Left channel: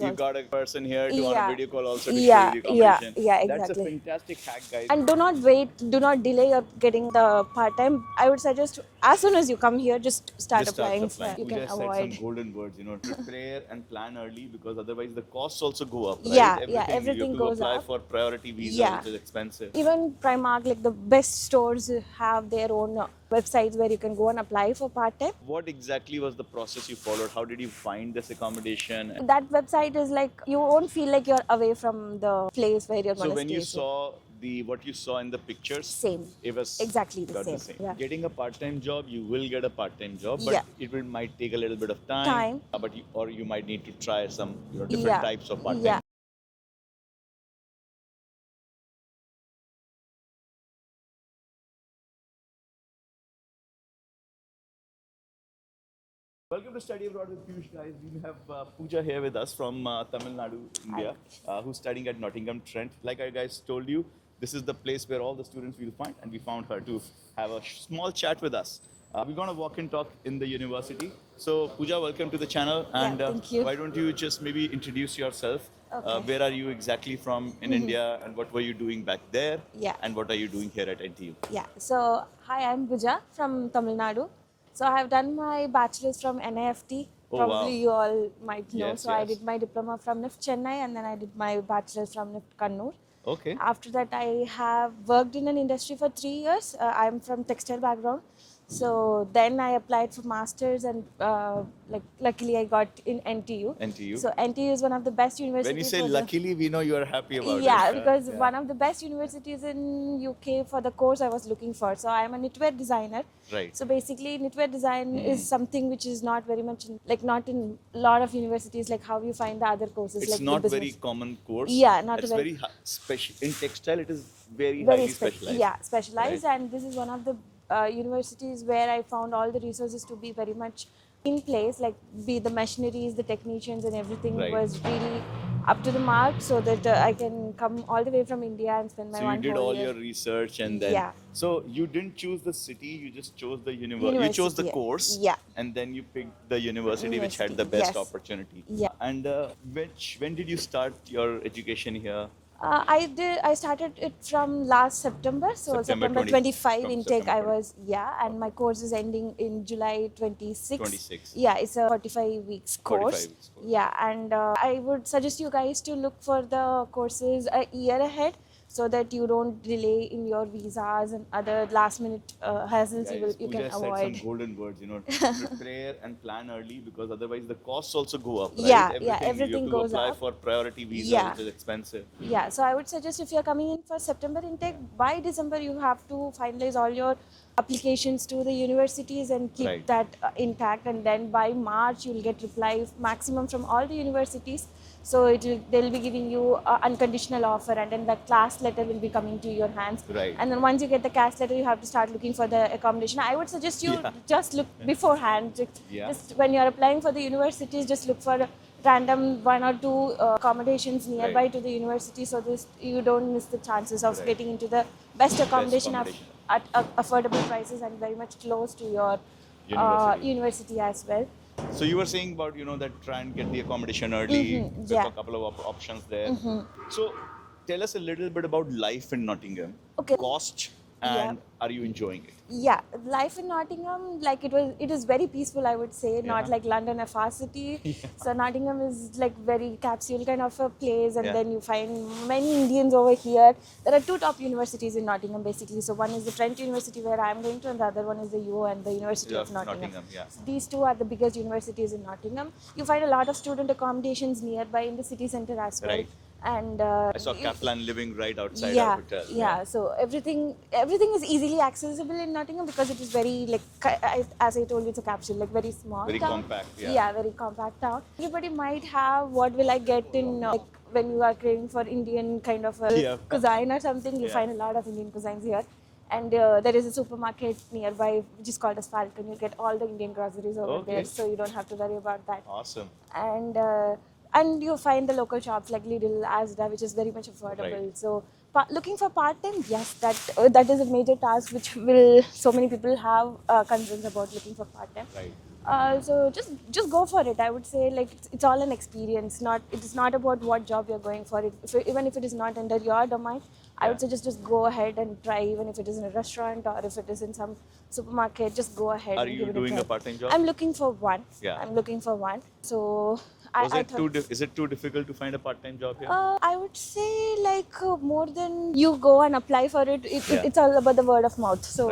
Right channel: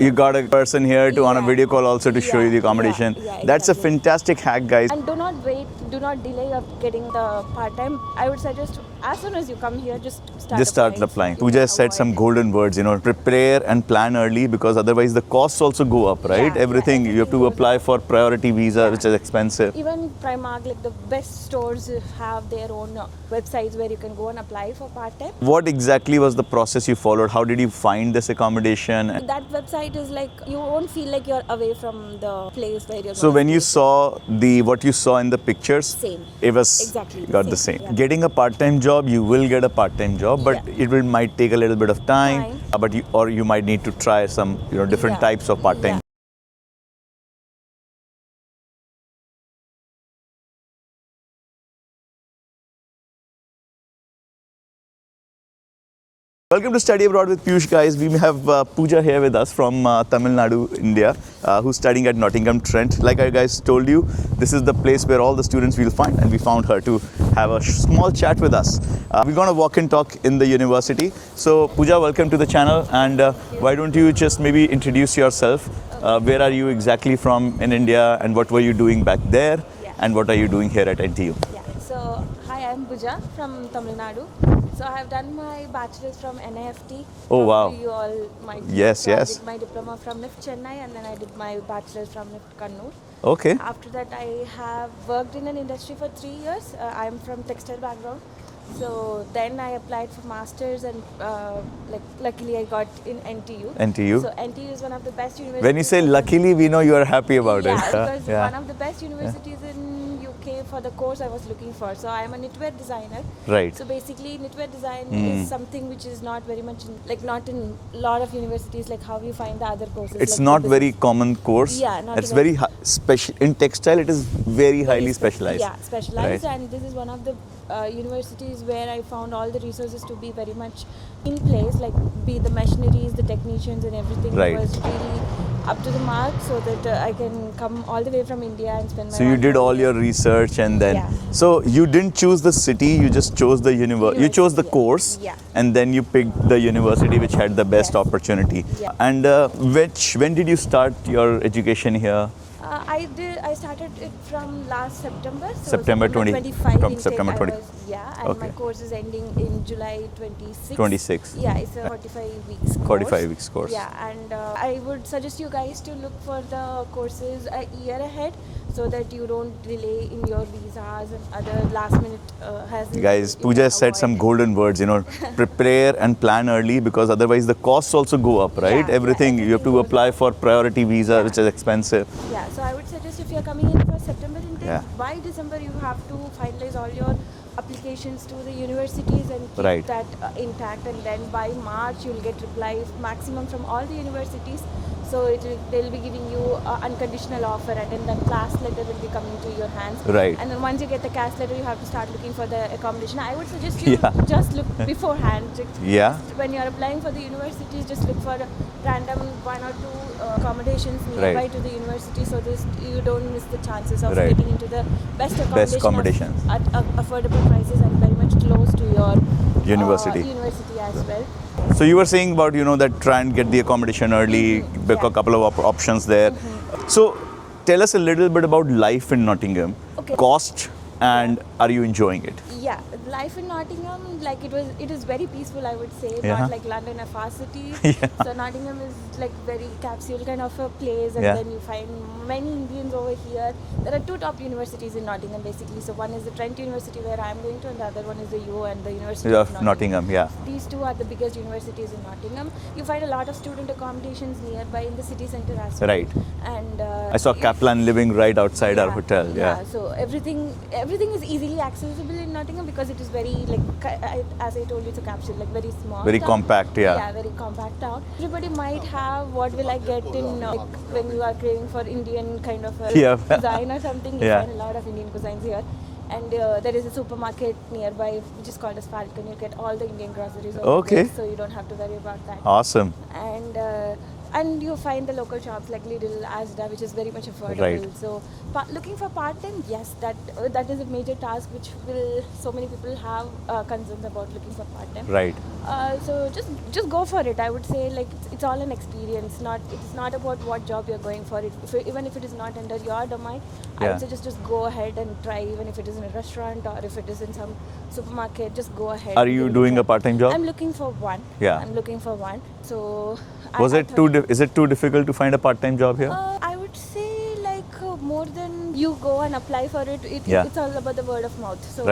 You got a person here to on a video call also to show you the accommodation. Yeah, That's a fantastic hack, guys. And do not wait, do not delay up getting the part-time. I would suggest as soon as you come here, just start applying. Pooja has said some golden words, prepare and plan early, because otherwise the costs also go up, right? Everything you have to apply for priority visa, which is expensive. Even Primark, like the best stores have their own websites where you can go and apply for part-time. What exactly was the process you followed? How did you find this accommodation? That website is like, you won't feel like you're away from the place where you're. So when you saw what you saw in the pictures, same. It was exactly the same. Yeah. Getting a part-time job, you will get a part-time job, but it might take a little bit of time. But you might need to try some different types of part-time. Welcome to Study Abroad with Piyush, guys. We have Pooja here with us from Tamil Nadu, India, who's studying at Nottingham Trent. Like I guys told you, this is the place where all the students will find, and we found her to have a small chat with us. We're going to walk and talk in the university. So Pooja, welcome to the channel, and why don't you just maybe introduce yourself? Where are you exactly from in India, and what were you doing back there, and what are you doing here at NTU? Yeah, so hi, I'm Pooja from Tamil Nadu. So I have done my bachelor's from NIFT. Oh, wow. You all might know. Yes, so yes. I did my diploma from NIFT Chennai, and then I did my bachelor's from NIFT Kannur. Okay. After that, I have worked in an industry for 3 years. I'm from textile background. So then I applied for masters, and luckily I got in NTU. NTU. So NTU is one of the best universities. When you say luckily, we know you are happy about it. Yeah, because one of the best universities in UK for the course I was looking for. So I am a knitwear designer. Right. So basically, knitwear design is something which is not very much not in a lot of universities like how you find the other courses. It's like not very common course. Yeah, not it's very special in textile. It is very highly specialized. Yeah, specialized, right? and this is one of the universities where I found all the resources to be very much in place, like be the machineries, the technicians, and everything was really up to the mark, so that I can come all the way from India and spend my. So you did all your research, and then so you didn't choose the city, you just chose the university. You chose the course, and then you picked the university which had the best opportunity. Yeah. And when did you start your education here? I started it from last September. So September 25. From September 20. And my course is ending in July 26. 26. Yeah, it's a 45 weeks course. 45 weeks course. Yeah, and I would suggest you guys to look for the courses a year ahead, so that you don't delay in your visas and other last minute hassles. Guys, Pooja said some golden words, prepare and plan early, because otherwise the costs also go up, right? Everything you have to apply for priority visa, which is expensive. Yeah, so I would suggest if you're coming in for September intake, by December you have to finalize all your applications to the universities and keep that intact, and then by March you'll get reply maximum from all the universities. So they'll be giving you an unconditional offer, and then class letter will be coming to your hands. Right. And then once you get the class letter, you have to start looking for the accommodation. I would suggest you just look beforehand. Just when you're applying for the universities, just look for random 1 or 2 accommodations nearby to the university, so you don't miss the chances of getting into the best accommodation at affordable prices and very much close to your university as well. So you were saying about that try and get the accommodation early, pick a couple of options there. So tell us a little bit about life in Nottingham, cost, and are you enjoying it? Yeah, life in Nottingham, like it is very peaceful, I would say, not like London, a fast city. So Nottingham is like very capsule kind of a place, and then you find many Indians over here. There are 2 top universities in Nottingham basically. So one is the Trent University where I am going to, and the other one is the UO and the University of Nottingham. Yeah. So these 2 are the biggest universities in Nottingham. You find a lot of student accommodations nearby in the city centre as well. Right. And I saw Kaplan living right outside our hotel. Yeah. So everything is easily accessible in Nottingham, because it is very, like, as I told you, it's a capsule, like very small. Very compact, Yeah, very compact town. Everybody might have what will I get in, like, when you are craving for Indian kind of a cuisine or something. You find a lot of Indian cuisines here. And there is a supermarket nearby which is called as Falcon. You get all the Indian groceries over there, so you don't have to worry about that. Awesome. And you find the local shops like Lidl, Asda, which is very much affordable. Right. So looking for part-time, yes, that is a major task which so many people have concerns about looking for part-time. Right. So just go for it. I would say like it's all an experience. It's not about what job you're going for. Even if it is not under your domain, I would say just go ahead and try. Even if it is in a restaurant or if it is in some supermarket, just go ahead. Are you doing a part-time job? I'm looking for one. Yeah. I'm looking for one. So is it too difficult to find a part-time job here? I would say like more than you go and apply for it. It's all about the word of mouth. So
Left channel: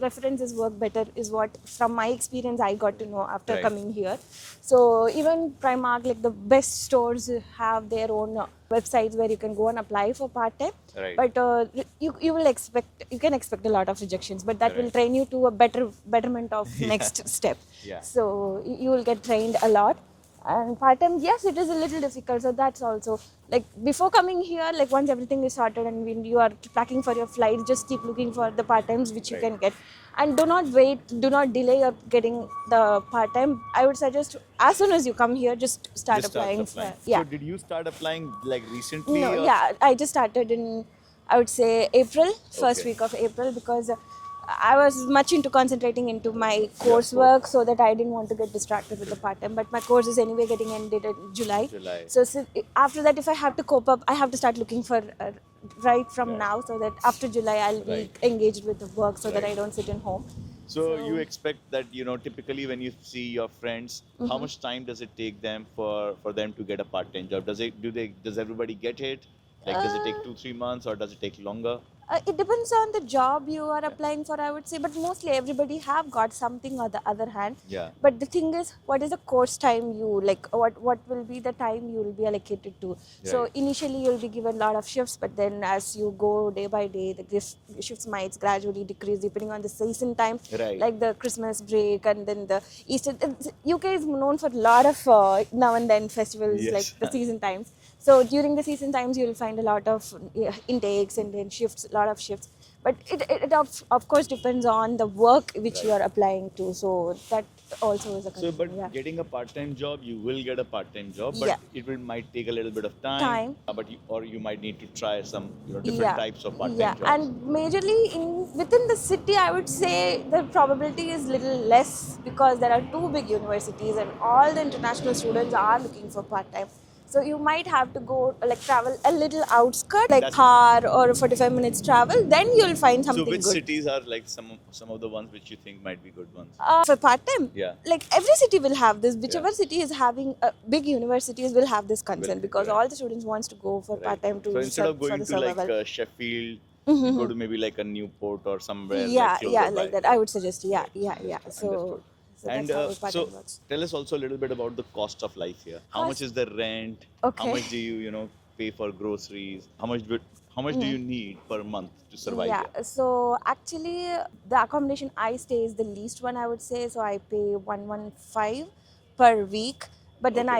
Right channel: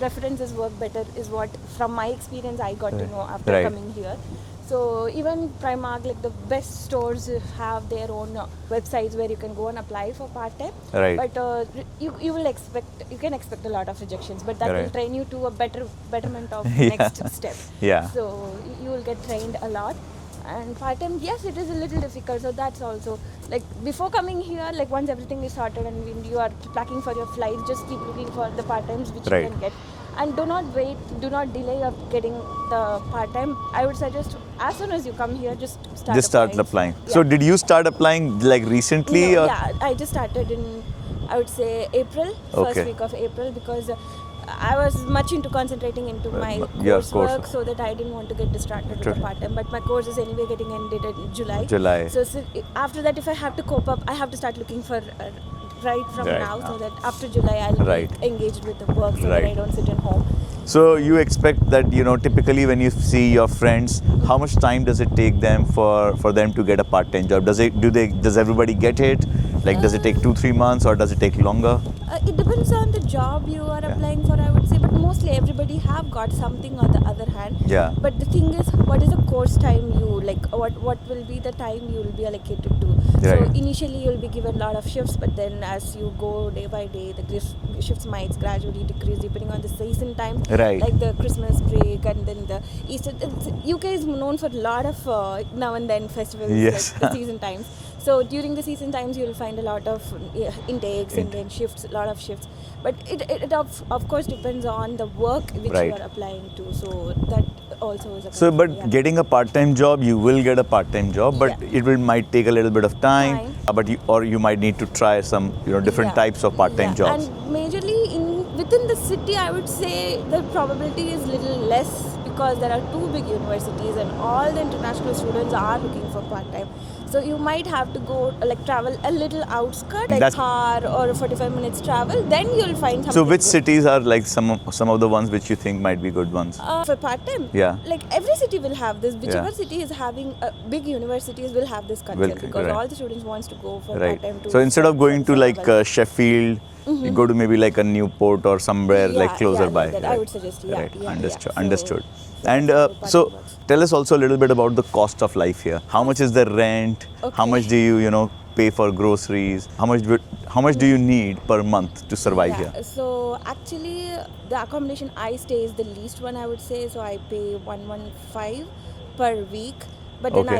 references work better is what from my experience I got to know after coming here. So even Primark, like the best stores have their own websites where you can go and apply for part-time. Right. But you can expect a lot of rejections, but that will train you to a betterment of next step. Yeah. So you will get trained a lot. And part-time, yes, it is a little difficult. So that's also like before coming here, like once everything is sorted and when you are packing for your flight, just keep looking for the part-times which you can get. And do not wait, do not delay up getting the part-time. I would suggest as soon as you come here, just start applying. So did you start applying like recently? No, yeah, I just started in, I would say April, first week of April, because I was much into concentrating into my coursework, so that I didn't want to get distracted with the part-time. But my course is anyway getting ended in July. So after that, if I have to cope up, I have to start looking for right from now, so that after July I'll be engaged with the work, so that I don't sit at home. So you expect that, you know, typically when you see your friends, how much time does it take them for them to get a part-time job? Does everybody get it? Like, does it take 2-3 months or does it take longer? It depends on the job you are applying for, I would say, but mostly everybody have got something on the other hand. Yeah. But the thing is, what is the course time what will be the time you will be allocated to? So initially you'll be given a lot of shifts, but then as you go day by day, the shifts might gradually decrease depending on the season time. Like the Christmas break and then the Easter. UK is known for a lot of now and then festivals, like the season times. So during the season times, you'll find a lot of intakes and then shifts, a lot of shifts. But it of course depends on the work which you are applying to. So that also is a getting a part-time job, you will get a part-time job, but it might take a little bit of time. But you might need to try some different types of part-time jobs. And majorly within the city, I would say the probability is little less because there are two big universities and all the international students are looking for part-time. So you might have to go travel a little outskirt, like car or 45 minutes travel. Then you'll find something. So which cities are like some of the ones which you think might be good ones? For part-time? Yeah. Like every city will have this. Whichever city is having big universities will have this concept because all the students wants to go for part-time. So instead of going to like Sheffield, you go to maybe like a Newport or somewhere like closer by. Like I would suggest, Understood. And so tell us also a little bit about the cost of life here. How much is the rent? How much do you pay for groceries? How much do you need per month to survive here? So actually the accommodation I stay is the least one, I would say. So I pay 115 per week. But then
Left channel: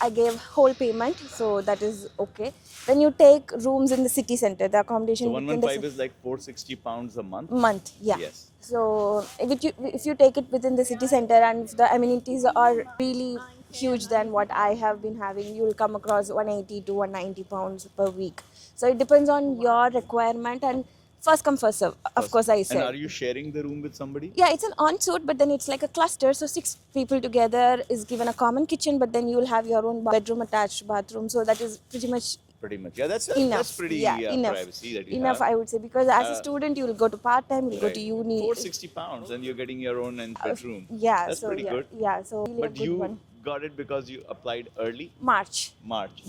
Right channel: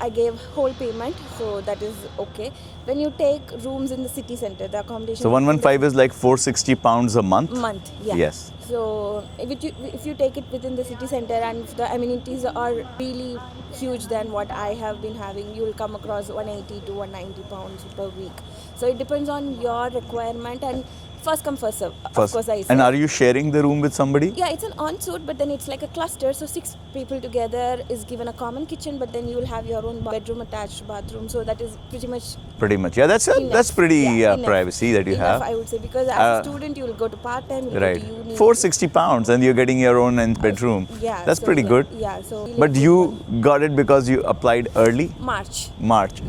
I gave whole payment, so that is okay. When you take rooms in the city center, the accommodation. So 115 is like £460 a month. Yes. So if you take it within the city center and if the amenities are really huge than what I have been having, you will come across 180 to 190 pounds per week. So it depends on your requirement and first come first serve. Of course, I say. And are you sharing the room with somebody? Yeah, it's an ensuite, but then it's like a cluster. So 6 people together is given a common kitchen, but then you'll have your own bedroom attached bathroom. So that is pretty much. Yeah, that's pretty privacy that you have. I would say, because as a student you will go to part-time, you go to uni. £460 and you're getting your own bedroom. That's pretty good. Yeah. So. But you got it because you applied early? March.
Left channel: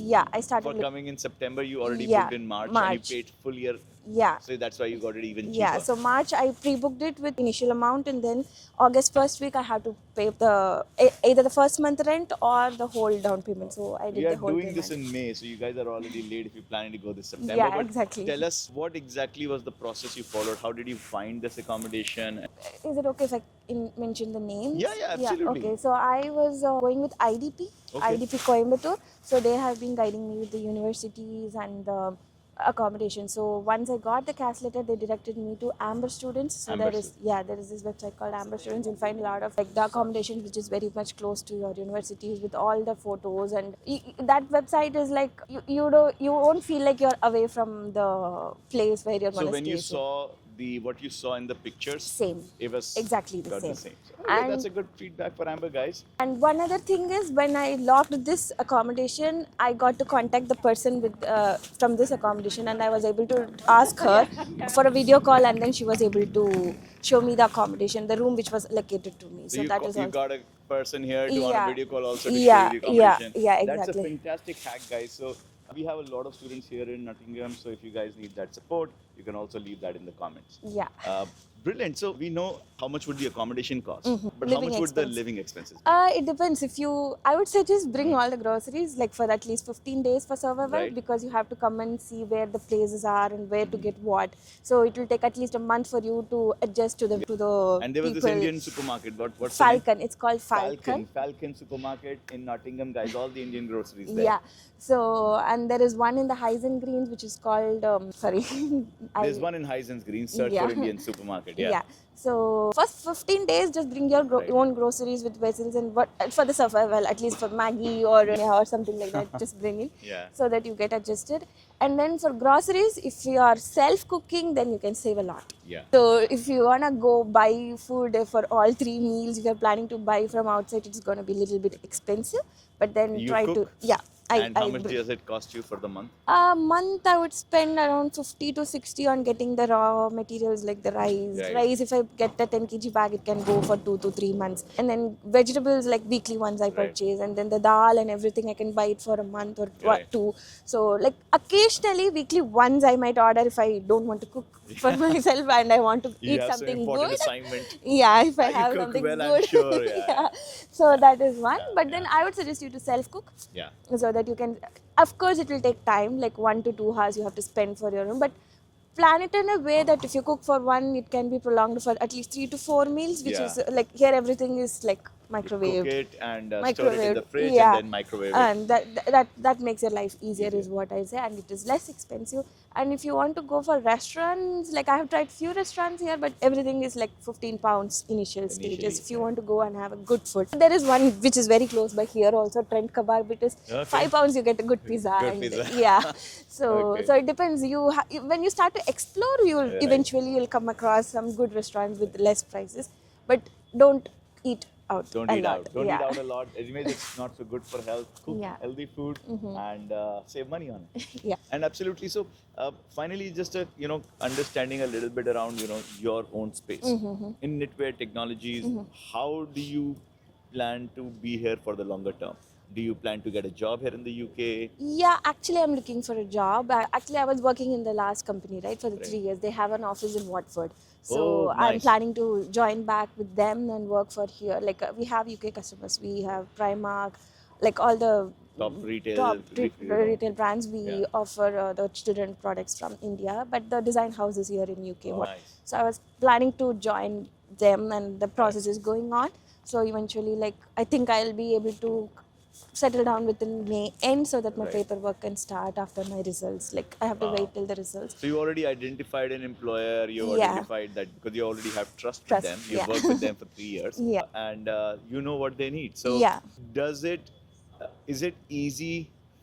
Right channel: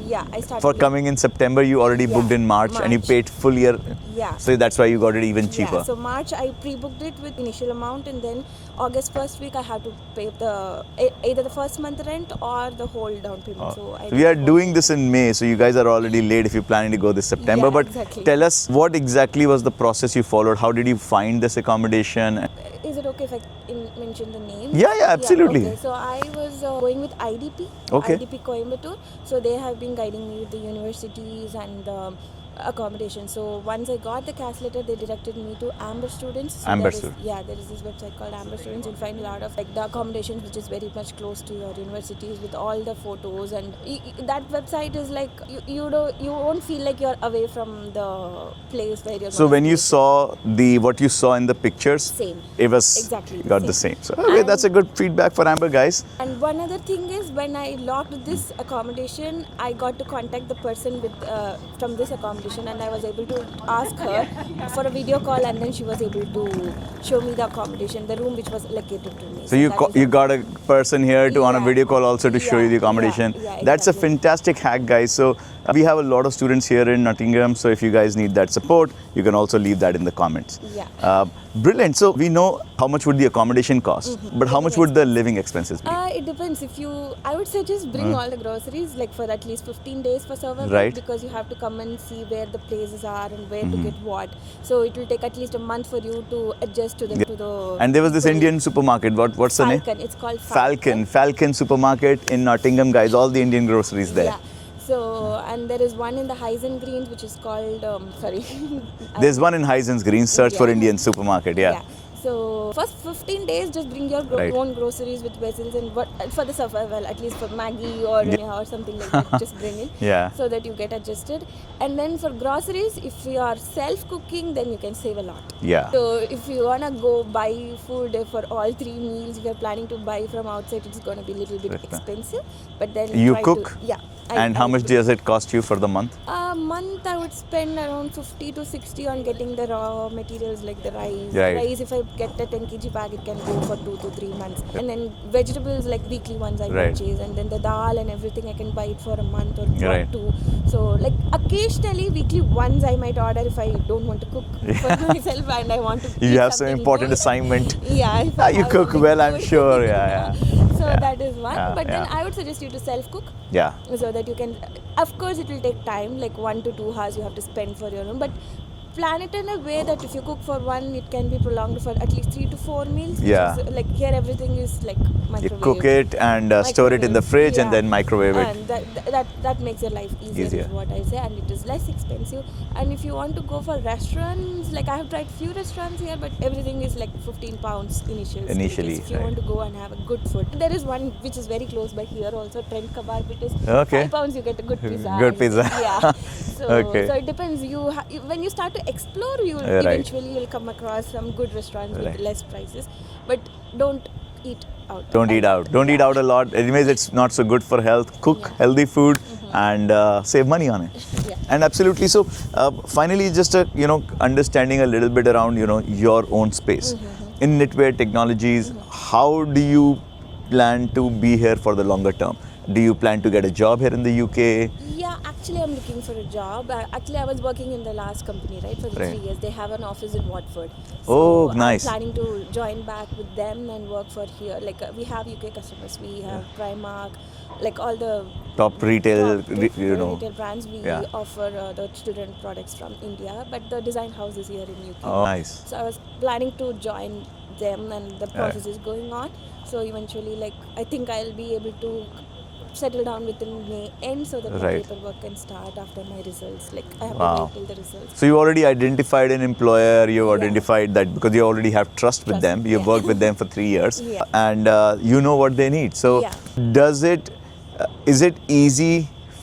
Yeah, I started. For coming in September, you already booked in March and you paid full year. Yeah. So that's why you got it even cheaper. Yeah, so March I pre-booked it with initial amount and then August first week I have to pay either the first month rent or the whole down payment. So we are doing this in May, so you guys are already late if you're planning to go this September. Yeah, but exactly. Tell us what exactly was the process you followed? How did you find this accommodation? Is it okay if I mention the name? Yeah, absolutely. Okay. So I was going with IDP, IDP Coimbatore. So they have been guiding me with the universities and accommodation. So once I got the CAS letter, they directed me to Amber Students. So Amber there is, yeah, there is this website called Amber Students. You'll find a lot of like the accommodation which is very much close to your universities with all the photos, and that website is like you won't feel like you're away from the place where you're. So when you saw what you saw in the pictures, same. It was exactly got the same. So okay, that's a good feedback for Amber, guys. And one other thing is, when I locked this accommodation, I got to contact the person with from this accommodation, and I was able to ask her for a video call, and then she was able to show me the accommodation, the room which was allocated to me. So you got a person here to on a video call also to show you the accommodation. Yeah, exactly. That's a fantastic hack, guys. So we have a lot of students here in Nottingham. So if you guys need that support, you can also leave that in the comments. Yeah. Brilliant. So we know how much would the accommodation cost, but how much would the living expenses be? It depends. I would suggest bring all the groceries like for at least 15 days for survival, Right. because you have to come and see where the places are and where to get what. So it will take at least a month for you to adjust to the. And there was this people. Indian supermarket. What's the name? Falcon. It's called Falcon supermarket in Nottingham, guys. All the Indian groceries there. Yeah. So, and there is one in the Highs and Greens which is called, sorry. There's one in Highs Greens. Search for Indian supermarket. Yeah. So, first 15 days, just bring your own groceries with vessels and what for the survival, at least for Maggie or something like that, just bring it. Yeah. So that you get adjusted. And then for groceries, if you are self-cooking, then you can save a lot. Yeah. So if you want to go buy food for all 3 meals, if you're planning to buy from outside, it's going to be a little bit expensive. But then you try cook? Yeah. And how much does it cost you for the month? A month I would spend around 50 to 60 on getting the raw materials like the rice. Right. Rice, if I get a 10 kg bag, it can go for 2 to 3 months. And then vegetables, like weekly ones I Right. purchase. And then the dal and everything, I can buy it for a month or Right. 2. So like occasionally, weekly once I might order if I don't want to cook for myself and I want to You eat have some something important good. assignment. Yeah. If I You have cook something well, I'm good. sure. Yeah. So that is one. Yeah, But then yeah. I would suggest you to self-cook. Yeah. So that you can, of course it will take time, like 1 to 2 hours you have to spend for your own, but plan it in a way that if you cook for one, it can be prolonged for at least 3 to 4 meals. Which Yeah. is, like here everything is like You microwave. cook it and store it in the fridge and then microwave it. And that makes your life easier, Easier. is what I say, and it is less expensive. And if you want to go for restaurants, like I have tried few restaurants here, but everything is like 15 pounds initially. If you right. want to go and have a good food. There is one which is very close by here also, Trent Kebab. It is Okay. £5 you get a good pizza. Good and- pizza. Yeah. So, Okay. so it depends. When you start to explore, Right. eventually you'll come across some good restaurants Right. with less prices. But don't eat out. Don't eat out. Don't eat out a lot. Anyways, it's not so good for health. Cook healthy food and save money on it. Yeah. And absolutely. So finally, just understanding a little bit around your own space in Knitwear Technologies. How do you plan to be here for the longer term? Do you plan to get a job here in the UK? Yeah, actually I'm looking for a job. Actually I was working in the last company, right, for the Right. 3 years. They have an office in Watford. Oh, nice. I'm planning to join back with them and work for here. Like we have UK customers, we have Primark, like all the Top retail, retail brands. We Yeah. offer the student products from India, but the design house is here in UK. Oh, nice. So I was planning to join them, and the process is going on. So eventually, like I think I'll be able to settle down within May end, so that my Right. paperwork can start after my results. Like I have Wow. to wait till the results. So you already identified an employer, you've Yeah. identified that because you already have trust with Trust, them, you've yeah. worked with them for 3 years Yeah. and you know what they need. So Yeah. is it easy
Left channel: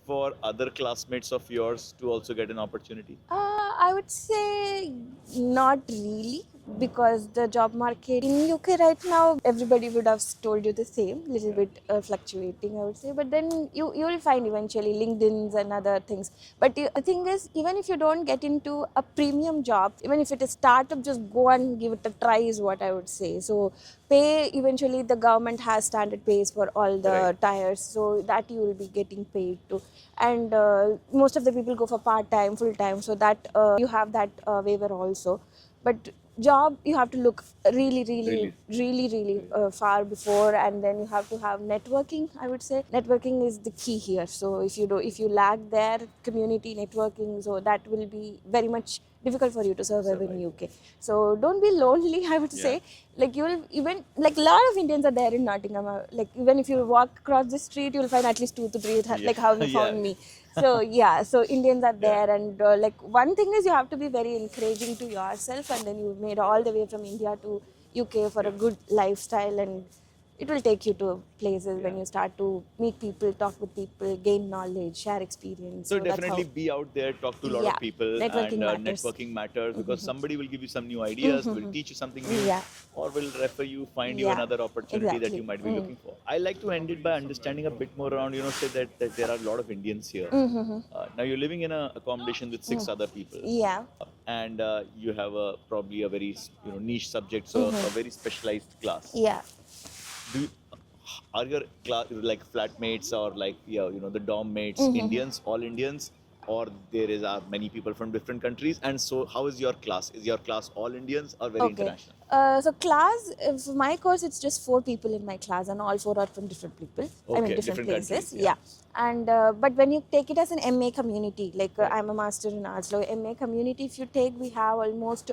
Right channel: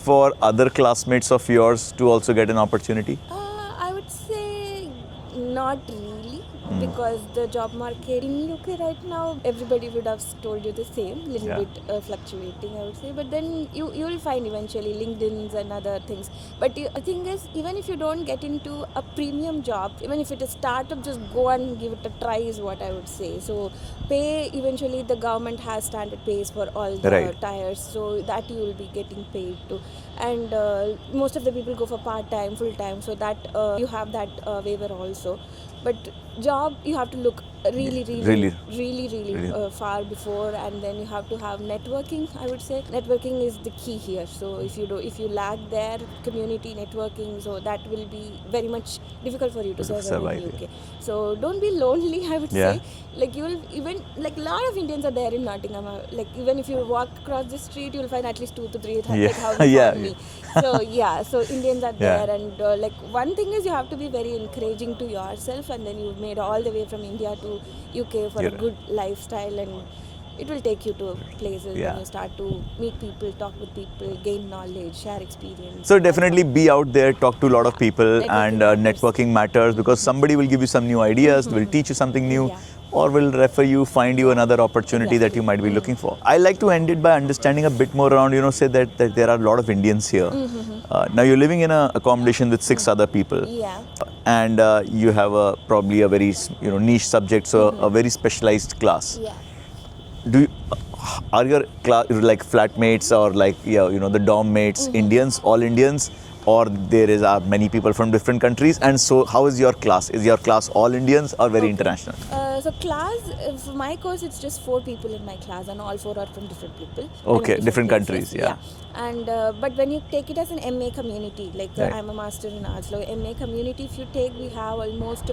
for other classmates of yours to also get an opportunity? I would say not really, because the job market in UK right now, everybody would have told you the same, little Yeah. bit fluctuating, I would say. But then you will find eventually LinkedIn's and other things. But the thing is, even if you don't get into a premium job, even if it is startup, just go and give it a try is what I would say. So pay, eventually the government has standard pays for all the Right. tires, so that you will be getting paid to. And most of the people go for part-time, full-time, so that you have that waiver also. But job, you have to look really far before, and then you have to have networking. I would say networking is the key here. So if you lack their community networking, so that will be very much difficult for you to survive in UK. So don't be lonely, I would Yeah. say. Like you will even, like a lot of Indians are there in Nottingham. Like even if you walk across the street, you will find at least 2 to 3 Yeah. like how you Yeah. found me. So yeah, so Indians are Yeah. there, and like one thing is you have to be very encouraging to yourself, and then you made all the way from India to UK for a Yeah. good lifestyle, and it will take you to places Yeah. when you start to meet people, talk with people, gain knowledge, share experience. So That's definitely all. be out there, talk to a lot of Yeah, people, and networking matters. networking matters because somebody will give you some new ideas, will teach you something new, Yeah. or will refer you, find you Yeah, another opportunity that you might be looking for. I like to end it by understanding a bit more around, say that there are a lot of Indians here. Now you're living in a accommodation with 6 other people. Yeah. And you have probably a very niche subject, so a very specialized class. Yeah. Do you, are your like flatmates or like the dorm mates Indians, all Indians, or there is many people from different countries? And so how is your class? Is your class all Indians or very international? So class, for my course, it's just 4 people in my class, and all 4 are from different people. Okay, different places. countries, yeah. And but when you take it as an MA community, like Right. I'm a master in arts, so MA community, if you take, we have almost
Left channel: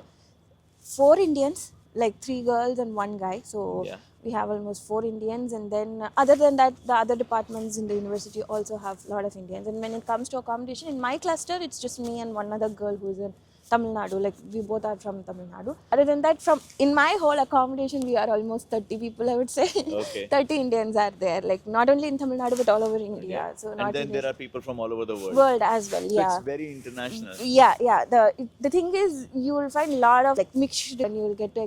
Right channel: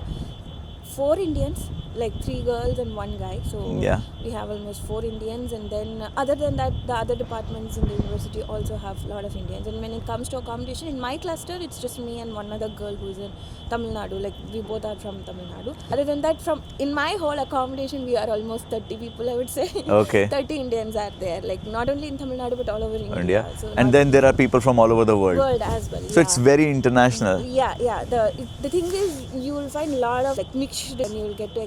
4 Indians, like 3 girls and 1 guy. So Yeah. we have almost 4 Indians, and then other than that, the other departments in the university also have a lot of Indians. And when it comes to accommodation, in my cluster, it's just me and one other girl who's in Tamil Nadu. Like we both are from Tamil Nadu. Other than that, from in my whole accommodation, we are almost 30 people, I would say. Okay. 30 Indians are there, like not only in Tamil Nadu but all over India. India. So And not then there are people from all over the world. world as well. So it's very international. Yeah. The thing is, you will find a lot of like mixed, and you will get to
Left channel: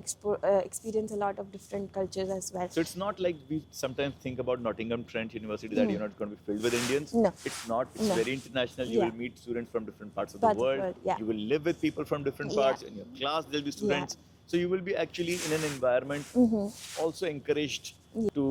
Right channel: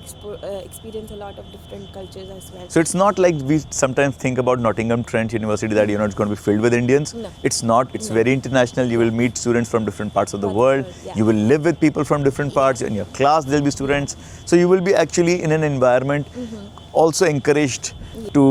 experience a lot of different cultures as well. So it's not like we sometimes think about Nottingham Trent University that it's going to be filled with Indians. No. It's not. It's very international. You will meet students from different parts of the world. Yeah. You will live with people from different parts. In your class, there'll be students. So you will be actually in an environment also encouraged to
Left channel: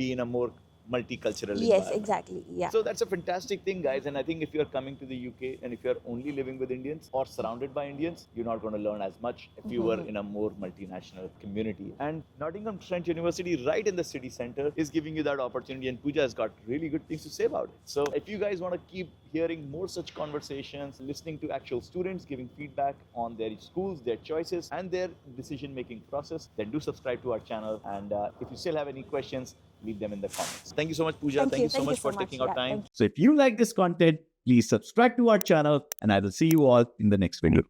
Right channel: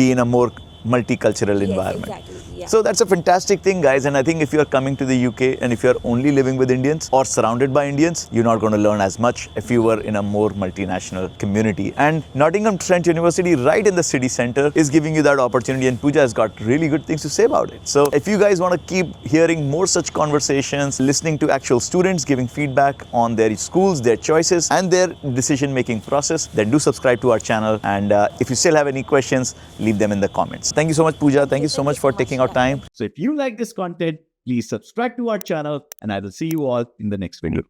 be in a more multicultural Yes, environment. exactly. Yeah. So that's a fantastic thing, guys. And I think if you're coming to the UK and if you're only living with Indians or surrounded by Indians, you're not going to learn as much if you were in a more multinational community. And Nottingham Trent University, right in the city center, is giving you that opportunity. And Pooja has got really good things to say about it. So if you guys want to keep hearing more such conversations, listening to actual students giving feedback on their schools, their choices, and their decision-making process, then do subscribe to our channel. And if you still have any questions, leave them in the comments. Thank you so much, Pooja. Thank you so much for taking our time. So if you like this content, please subscribe to our channel and I will see you all in the next video.